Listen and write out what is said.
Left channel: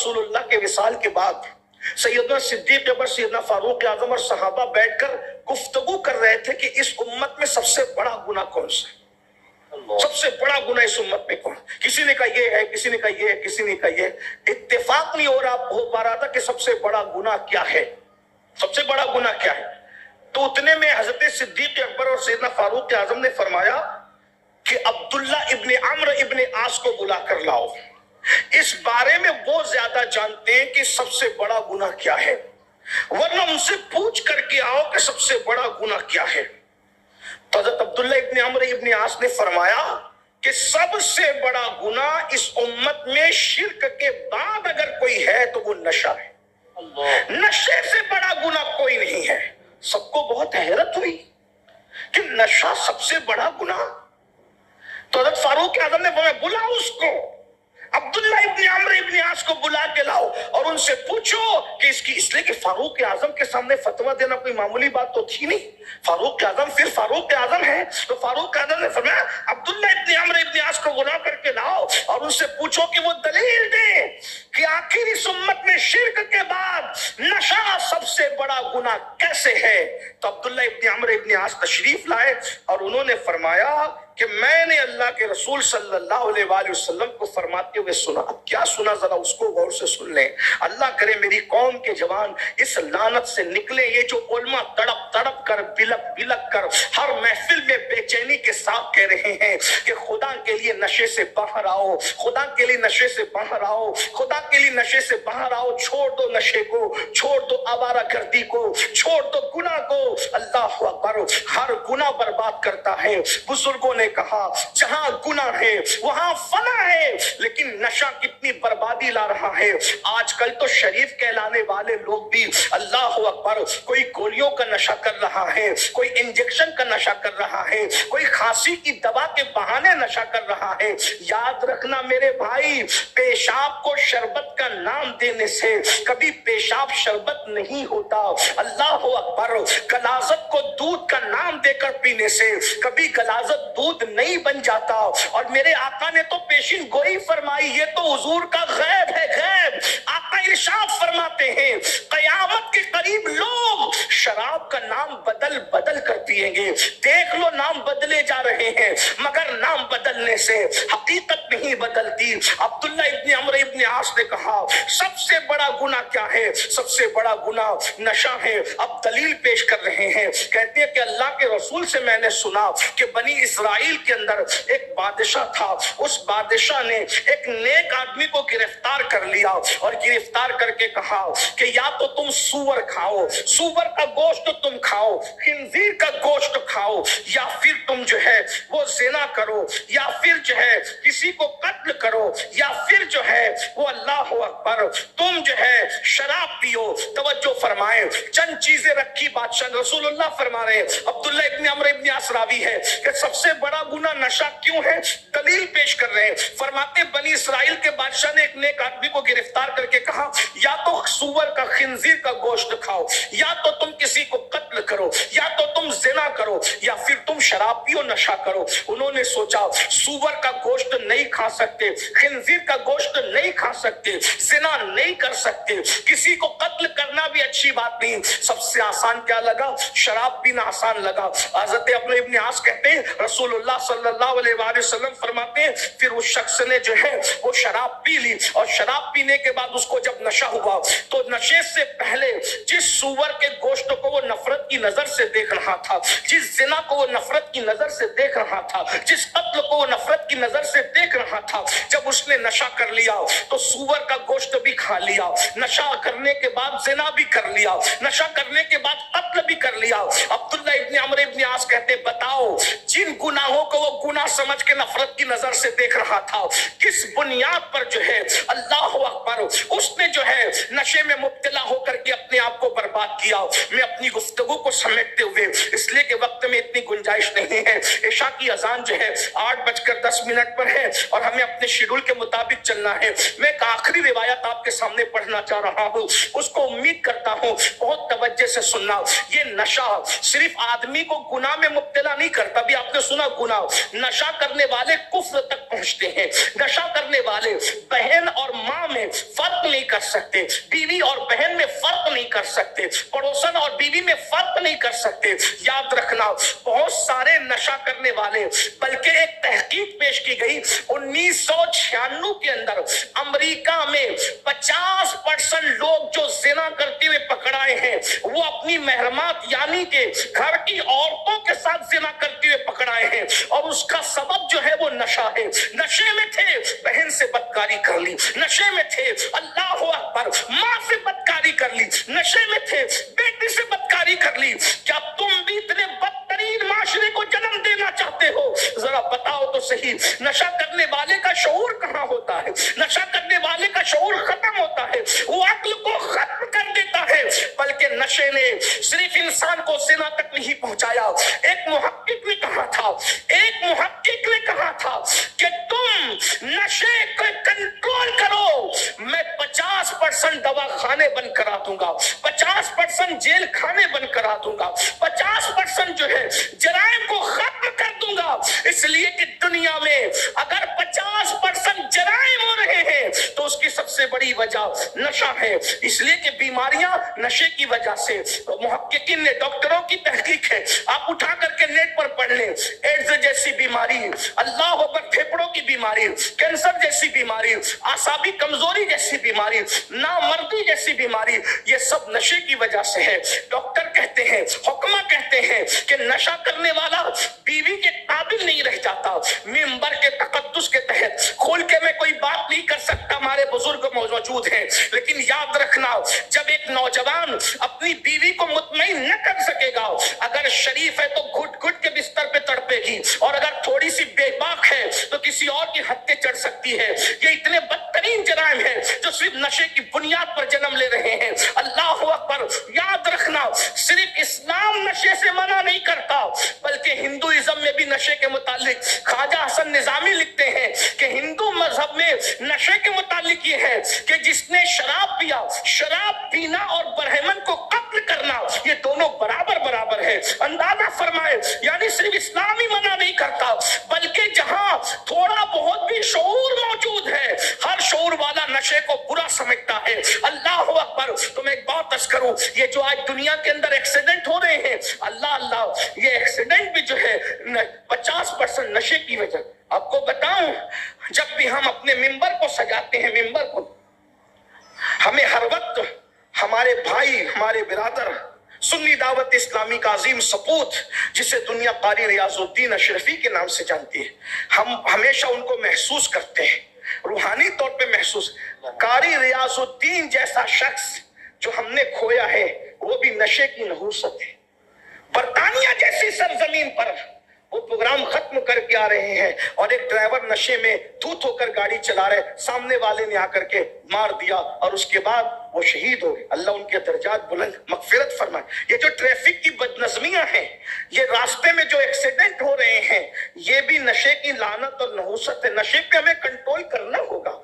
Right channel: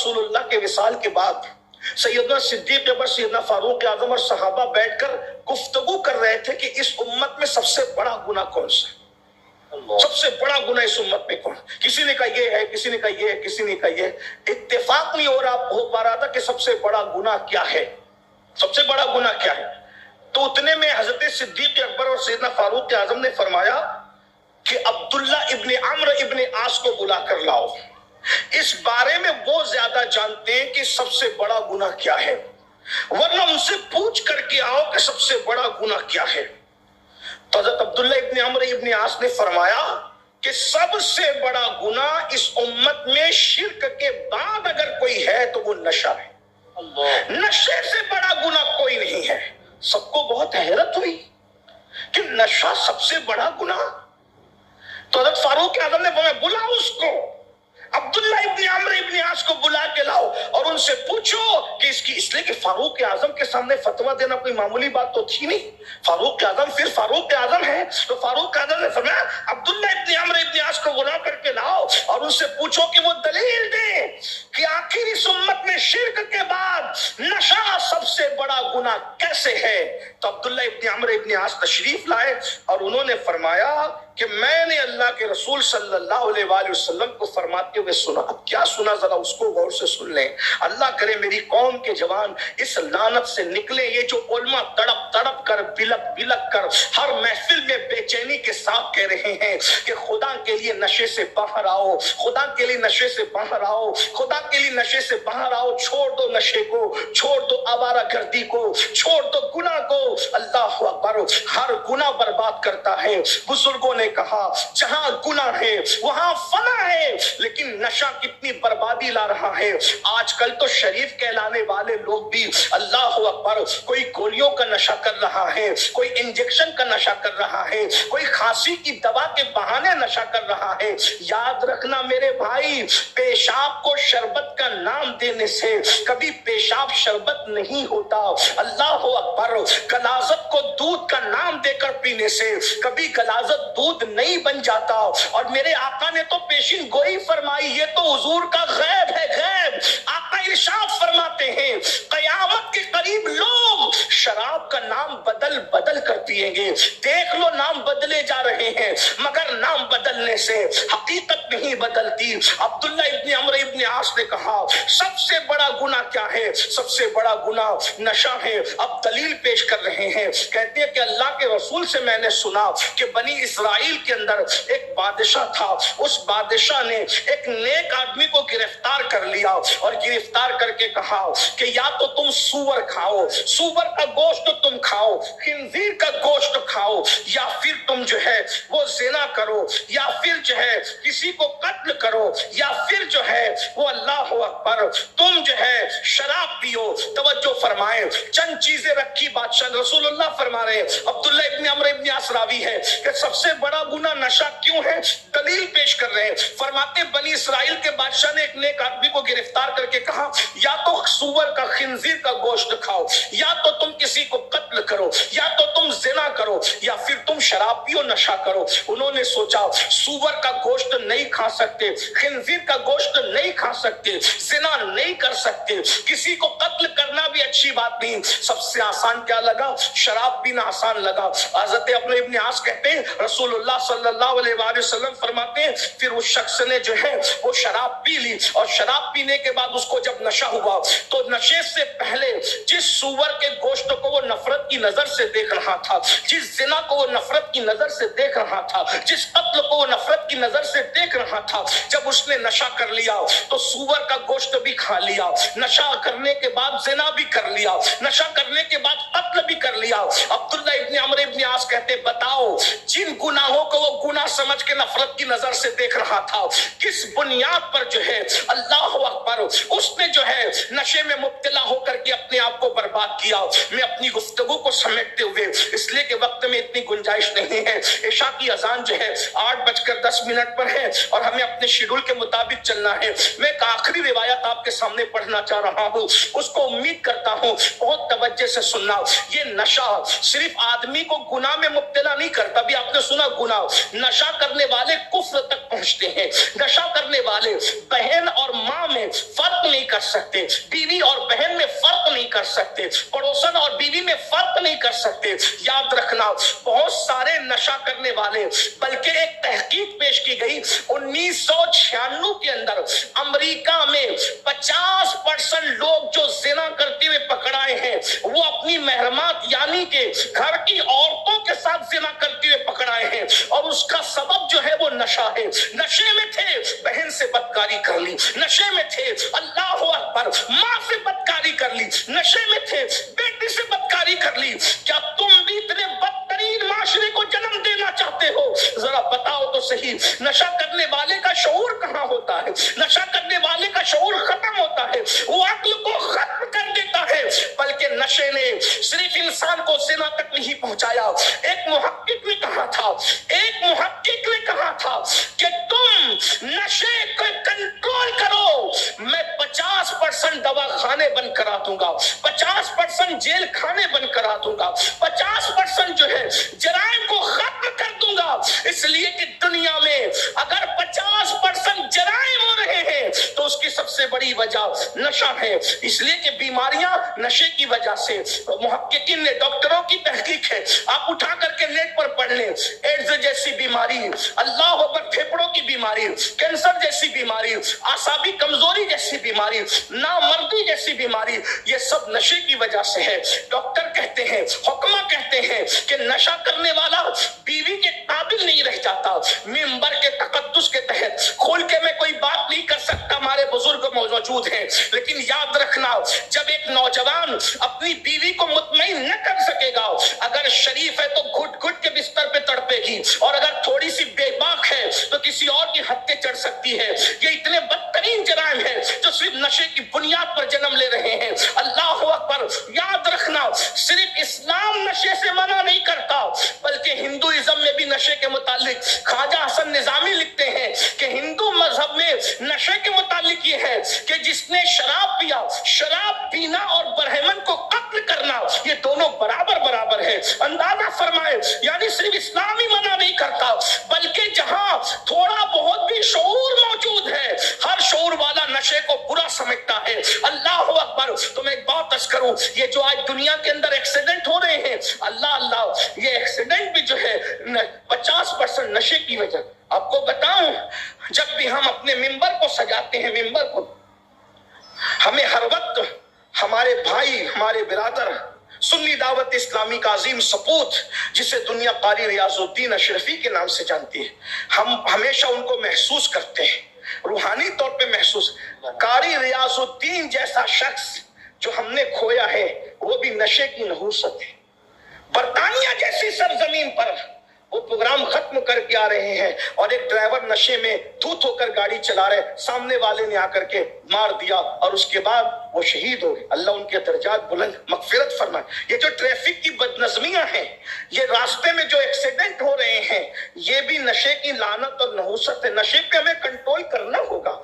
رسول اللہ کے وصال کے بعد سیدنا صدیق اکبر، سیدنا فاروق اعظم اور صحابہ بیٹھ کر گفتگو کر رہے تھے کہ اس امت میں سب سے بڑا گناہ کون سا ہے، سب سے بڑا گناہ اس امت میں کون؟ کسی نے کہا یہ ہے، کسی نے کہا یہ ہے، کسی نے کہا یہ۔ اتفاق نہیں ہو پا رہا تھا کہ سب سے بڑا گناہ کیا ہے، سب سے بڑا گناہ کیا ہے۔ تو اتنے میں حضرت صدیق اکبر اور سیدنا فاروق اعظم نے فرمایا کہ عبداللہ ابن عمرو ابن عاص کو بلا کر لاؤ، اس بارے میں وہ زیادہ جانتے ہیں کہ سب سے بڑا گناہ کیا ہے، ورنہ ان سے پوچھ کر کے آؤ کہ سب سے بڑا گناہ کیا ہے۔ تو حضرت عبداللہ ابن عمرو ابن عاص نے فرمایا کہ سب سے بڑا گناہ اس امت میں شرک کے بعد اگر کوئی ہے تو وہ نشہ ہے، نشے سے بڑا گناہ کوئی نہیں ہے۔ سب کو بہت حیرت ہوئی کہ نشہ سب سے بڑا گناہ۔ تو حضرت فاروق اعظم نے فرمایا بلاؤ اس کو، عبداللہ ابن عمرو ابن عاص کو بلا کے لاؤ اور ان سے پوچھو کہ اس لیے کہ فاروق اعظم کے سامنے فتویٰ دینا کوئی معمولی بات تو تھی نہیں، فاروق اعظم پھر فاروق اعظم ہے۔ تو فاروق اعظم نے فرمایا عبداللہ ابن عمرو ابن عاص کو بلا کر کے لاؤ اور ان سے پوچھو کہ وہ دلیل دیں کہ آخر اس امت میں شرک کے بعد نشہ سب سے بڑا گناہ کیسے ہے۔ تو عبداللہ ابن عمرو ابن عاص تشریف لائے اور انہوں نے فرمایا کہ میں نے اللہ کے رسول صلی اللہ علیہ وآلہ وسلم کو فرماتے ہوئے سنا۔ اب کیا سنا ذرا اس کو غور سے سن لیں، اللہ کرے میری قوم کے جوان اس لعنت سے نکلے۔ یہ جو علماء تڑپ تڑپ کر بلک بلک کر ہر محفل میں بے چینی کے ساتھ کہہ رہے ہیں کہ خدا کے لیے نشے سے باہر آؤ، خدا کے لیے نشے سے باہر آؤ، خدا کے لیے نشے سے باہر آؤ، چھوڑ دو نشے کو، چھوڑ دو آوارہ گردی کو، چھوڑ دو گناہ کو۔ اللہ اکبر، ہر گناہ برباد کرتا ہے۔ بزرگوں نے کہا جہاں گناہ ہے وہاں فنا ہے، لیکن نشہ کتنی بربادی لا رہا ہے۔ آج کل تو شریف کہلانے والے لوگ بھی اللہ اکبر کوئی گولیوں کا نشہ کر رہا ہے، کوئی انجیکشن کا نشہ کر رہا ہے، کوئی کھانسی کی دوا کے بہانے نشہ کر رہا ہے۔ یاد رکھنا میرے بھائی، پیشاب کو شربت کا نام دینے سے کبھی پیشاب شربت نہیں ہوتا۔ اللہ اکبر، غلاظت کو دودھ کا نام دے کر پینے سے کبھی غلاظت دودھ نہیں بن جاتا۔ اور میرے آقا نے تو پیشین گوئی فرمائی، یہ تو حضور کا غیب ہے، غیب۔ آقا ارشاد فرماتے ہیں قیامت کے قریب لوگ شراب کا نام بدل بدل کر پیئیں گے۔ دیکھ لو نام بدلے جا رہے ہیں مگر نام بدلنے سے حقیقت نہیں بدلتی۔ عبداللہ ابن عمرو ابن عاص نے کہا سب سے بڑا گناہ کیا ہے؟ سب سے بڑا گناہ نشہ ہے۔ اب دلیل پیش کر رہے ہیں، کہتے ہیں کہ اللہ کے رسول سے میں نے سنا کہ بنی اسرائیل کے اندر ایک بادشاہ تھا، اس بادشاہ نے ایک نیک آدمی کو گرفتار کر لیا اور گرفتار کر کے کہا کہ یا تو تم سور کھاؤ، سور کا گوشت تم کھاؤ، خنزیر کا گوشت کھاؤ، یا پھر تم جو ہے وہ زنا کرو، یا پھر جو ہے کسی کو قتل کرو، یا پھر جو ہے وہ اللہ اکبر تم جو ہے شراب پیو۔ توجہ فرمائیں، چند چیزیں رکھی بادشاہ، رسول اللہ فرما رہے ہیں، عبداللہ ابن عمرو ابن عاص راوی ہے کہ سب سے بڑا گناہ نشہ کیوں ہے؟ دلیل پیش کر رہے ہیں، فرماتے بنی اسرائیل کے بادشاہ نے ایک نیک آدمی کو گرفتار کر کے کہا یا تو سور کا خنزیر کا گوشت کھاؤ، یا تو تم کسی کو قتل کرو، یا تو تم زنا کرو، یا پھر تم شراب پیو، نشہ کرو۔ انہوں نے سوچا سور کا گوشت نہیں کھا سکتے، خنزیر کا گوشت نہیں کھا سکتے، زنا نہیں کر سکتے، کسی کو قتل کرنا بھی اچھی بات نہیں، سب سے آسان کیا لگا؟ شراب پینا آسان لگا۔ حضرت ابن عاص کہتے ہیں رسول اللہ صلی اللہ علیہ وآلہ وسلم فرماتے ہیں پھر اس شخص نے جو ہے وہ شراب پی لی، اور شراب پینے کے بعد اس کو جب نشہ ہوا تو نشے سے پہلے جس سور کے گوشت کو وہ نفرت کی نظر سے دیکھ رہا تھا، جس زنا کو وہ نفرت کی نظر سے دیکھ رہا تھا، جس قتل کو وہ نفرت کی نظر سے دیکھ رہا تھا، جب اس نے نشہ کر لیا تو سور کا گوشت بھی کھا لیا، نشہ کرنے کے بعد زنا بھی کر لیا، نشہ کرنے کے بعد قتل بھی کر لیا۔ عبداللہ ابن عمرو ابن عاص کہتے بتاؤ جن گناہوں کو وہ گناہ سمجھ کے نفرت کی نظر سے دیکھ رہا تھا، کس بنیاد پر جو ہے اللہ اکبر اس نے جو ہے نشے میں مبتلا ہو کر کے اپنے آپ کو برباد کیا۔ میں اپنی گفتگو کو سمیٹتے ہوئے اس لیے کہ وقت میں اتنی گنجائش نہیں ہے، عشاء کی اذان جو ہے 8:10 پر ہے اور ہمیں اپنے شیڈول کے مطابق چلنا ہے۔ میں ایک آخری روایت آپ کے سامنے پڑھنا چاہ رہا ہوں، اس کو امید کرتا ہوں بہت توجہ سے سننا۔ یہ نشہ صرف آدمی کو گناہ میں مبتلا نہیں کرتا، بھی آپ نے سنا گناہ، نشہ کرنے والے کفر تک پہنچتے ہیں، نشہ کرنے والے بہن اور ماں میں فرق نہیں کر کر سکتے، بیوی اور بہن میں فرق نہیں کر سکتے، پڑوسن اور بیوی میں فرق نہیں کر سکتے۔ یاد رکھنا بہت سارے نشہ کرنے والے، بلکہ ایک تحقیق پیش کی گئی 1996 کے اندر امریکہ میں 50% لوگ جو زنا کرتے ہوئے پکڑائے ہیں وہ اپنی محرمات یعنی کہ گھر کی عورتوں کے ساتھ زنا کرتے ہوئے پکڑائے ہیں، اور اس کا سبب جو ہے وہ نشہ ہے۔ نشے میں تھے، بہن سے بدکاری کر لی، نشے میں تھے، اللہ اکبر، ماں سے بدکاری کر لی، نشے میں تھے، بیٹی سے بدکاری کر لی۔ کیا تم بھی اتنے بدترین معاشرے کو جنم دینا چاہتے ہو؟ ذرا بتاؤ تو صحیح، نشہ کرنے والے کا شعور کہاں ہوتا ہے؟ نشہ کرنے والے کا شعور ختم ہوتا ہے، وہ عقل کو ختم کر دیتا ہے۔ بلکہ نشے نے صرف انسان کو زنا تک نہیں پہنچایا۔ ایک محقق نے کہا تھا کہ تم نشے کو کنٹرول کرو، میں 50% دوا خانے بند کرا دوں گا، 50% جیل خانے بند کرا دوں گا، 50% جو ہے جرائم کو ختم کر دوں گا۔ اس لیے کہ دنیا میں اگر 50% جرائم ہو رہے ہیں تو اس کی سب سے بڑی وجہ نشہ ہے۔ اس لیے کہ بیماریاں نشے کی وجہ سے، محققین نے، ڈاکٹروں کی تحقیق ہے، آپ اٹھا کر کے نیٹ پر پڑھ لیں، ایڈز جیسی بیماری، اللہ اکبر، پھیپھڑوں کی بیماری، کینسر جیسی بیماری، اعصابی کمزوری جیسی بیماری، نامردی جیسی بیماری، یہ سب نشے کی وجہ سے ہے۔ ڈاکٹر کہتے ہیں، حکمہ کہتے ہیں کہ نشہ کرنے والا بیوی کے قابل نہیں رہ جاتا۔ منبر کے تقدس کے تحت کھول کے میں کوئی بات نہیں کر سکتا، ہمارے بزرگ موجود ہیں، لیکن یاد رکھنا جب ایک نوجوان اپنی بیوی کو مطمئن نہ کر سکے گا، اگر شریف ہے تو گھٹ گھٹ کے بستر پہ تڑپے گی، اور اگر تھوڑی سی بے باک ہے تو کسی اور کی ہتھے چڑھ سکتی ہے۔ یہ اتنے بدترین جرائم ہیں جو صرف نشے کی بنیاد پر جنم لے رہے ہیں۔ اللہ اکبر، یاد رکھنا صرف اسلام نشے سے منع نہیں کرتا، بلکہ ہندوازم میں بھی نشے کے متعلق خواجہ حسن نظامی لکھتے ہیں کہ ہندو مذہب میں نشے کے متعلق یہ ہے کہ جس نے شراب پیا، شراب پینا اور برہمن کو قتل کرنا، یہ دونوں برابر ہے۔ اندازہ فرمائے، یعنی صرف اسلام ہی منع نہیں کرتا، بلکہ جہاں تھوڑا بہت بھی شعور موجود ہے، ہر شعور والا نشے کو برا سمجھتا ہے۔ اللہ اکبر، تمہیں ایک بات عرض کروں، یہ جو آج دنیا کے اندر ایکسیڈنٹ ہو رہے ہیں، اللہ، یہ ایکسیڈنٹ بھی جو ہے 50% نشے کی وجہ۔ آپ کو بتاؤں، جب بھی ہم اپنے ممبر کو سجاتے ہیں، ممبر کو، ہمیں ہر وقت ہمارے بھائی، ہمارے برادر، سنی دعوت اسلامی کا عظیم سپوت جسے دنیا قاری ریاض الدین اشرفی کے نام سے جانتی ہے، ہم ہمیشہ ان کو محسوس کرتے ہیں، روحانی طور پہ محسوس۔ قاری ریاض الدین جیسا شخص جو ہم نے کھویا ہے وہ بھی نشے کی نحوست ہے۔ برطانیہ جیسی سرزمین پر وہ پروگرام ختم کر کے آ رہے ہیں اور ایک ڈرائیور نشے میں دھوت ہو کر گاڑی چلا رہے، سامنے والے نے آ کر کے مار دیا اور اس کے بعد وہ شہید ہو گئے۔ اللہ ان کے درجات بلند، مغفرت فرمائے۔ یہ جو ٹریفک کی بدنظمیاں ہیں، یہ راستے میں جو ایکسیڈنٹ ہو رہے ہیں، یہ بھی نشے کی لعنت اور نحوست ہے۔ نشے پہ ہمیں کنٹرول کرنا ہوگا۔